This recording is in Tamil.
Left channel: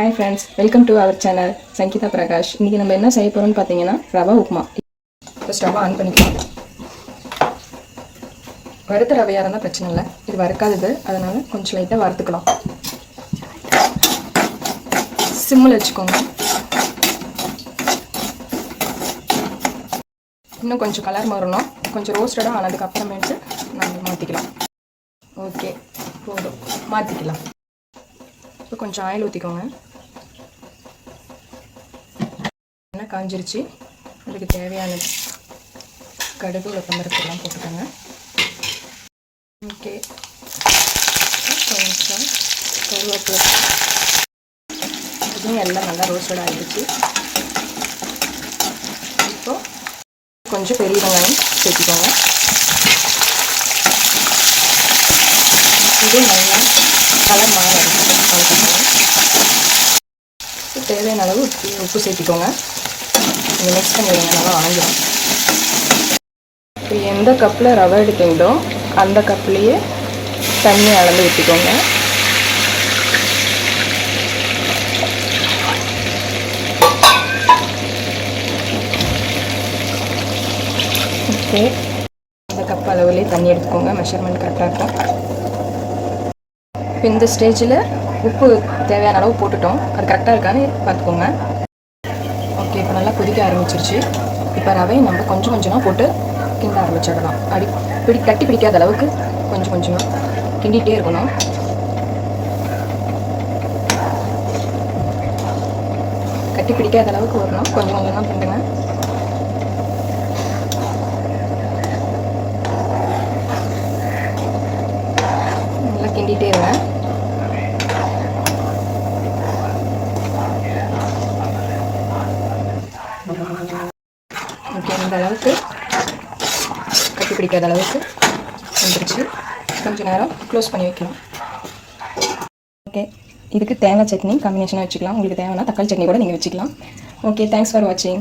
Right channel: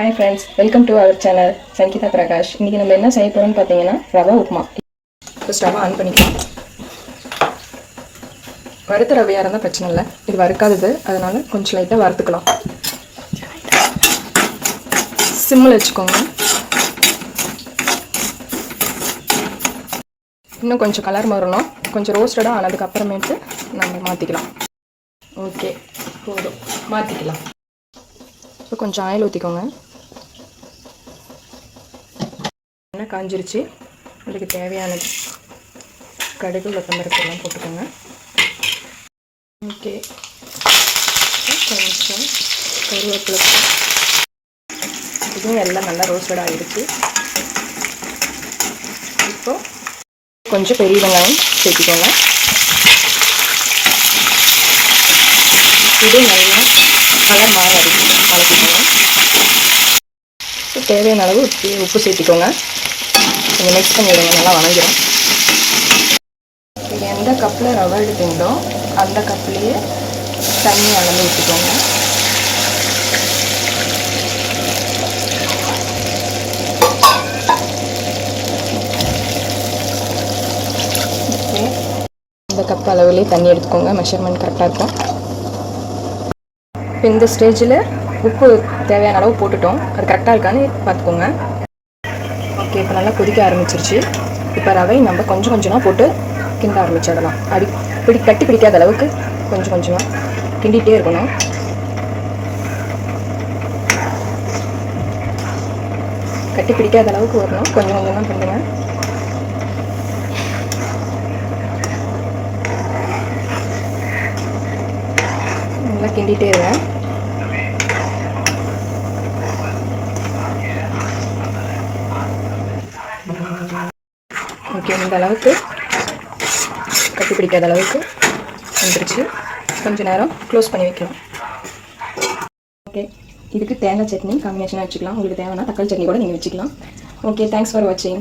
Hi friends welcome to our channel Sangeetha Prakash இன்றைக்கி நம்ம என்ன செய்ய போகிறோம்னு பார்த்தீங்கன்னா ரவா உப்புமா. இப்போ ஸ்டவ் ஆன் பண்ணிக்கலாம். வறுத்த ரவையாக இருந்தால் பிரச்சனை இல்லை. இது வறுக்காதது. அதனால் கொஞ்சம் லைட்டாக வறுத்துக்கலாம். சிம்மில் வச்சுக்கோங்க. இன்னும் கொஞ்சம் கலர் மாறணும். கொஞ்சம் ரோஸ்டடாக ஆனதுக்கப்புறமேட்டு நம்ம மாற்றிக்கலாம் ஓகே போதும். மாற்றிக்கலாம் இப்போ கொஞ்சம் ஆயில் ஊற்றிக்கோங்க எண்ணெய் காஞ்சிருச்சு. அதுக்கு தேவையானது கடுகு உளுத்தம்பருப்பெல்லாம் போட்டுக்கோங்க. ஓகே. கொஞ்சம் கருவேப்பிலை. இதுவும் எல்லாம் நல்லா ரோஸ்டட் ஆகிடுச்சு இப்போ கொஞ்சம் பெரிய வெங்காயம் சேர்த்திக்கோங்க. இது நல்லா கலர் மாற வரைக்கும் வளர்த்திக்கோங்க இப்போ தேவையான அளவு உப்பு உப்பு சேர்த்திக்கோங்க. கொஞ்சம் மிக்ஸ் பண்ணிவிடுங்க நல்லா வணங்கிடும். இப்போ எந்த கப்பில் ரவை எடுத்தீங்களோ அந்த கப்லேயே தண்ணி அளந்து ஊற்றிக்கோங்க ஓகே அந்த கப் அளவுலேயே தண்ணி எடுத்துக்கோங்க. மெஷர்மெண்ட் கரெக்டாக இருக்கும். இப்போ இந்த ஸ்டேஜில் உப்பு தேவையான அளவு போட்டுட்டோம். அது கரெக்டாக இருக்கான்னு பார்த்துக்கோங்க. ஓகே இப்போ நல்லா கொதிக்க ஆரம்பிச்சிருச்சு. இப்போ ரவை நம்ம கொஞ்சம் கொஞ்சமாக போட்டு கிண்ட ஆரம்பிச்சிடலாம். அடி பிடி தட்டி பிடிக்காத அளவுக்கு கொஞ்சம் கொஞ்சமாக கிண்டிகிட்டே இருக்கணும். கட்டி பிடிக்காத அளவுக்கு வரணும் கொஞ்சம் கொஞ்சமாக கிண்டுங்க. நல்லா கிண்டிகிட்டே இருவேன் ஓகே இந்த அளவுக்கு. கட்டி பிடிக்காத அளவுக்கு வந்துருச்சு. கொஞ்சம் நேரம் க்ளோஸ் பண்ணி வைக்கலாம் ஓகே இதுக்கு தேங்காய் சட்னி காம்பினேஷனாக வச்சுக்கலாம். உங்களுக்கு தேவைன்னா தக்காளி சட்னி கூட நீங்கள் வச்சுக்கலாம். ஓகே தேங்க்ஸ் ஃபார் வாட்சிங்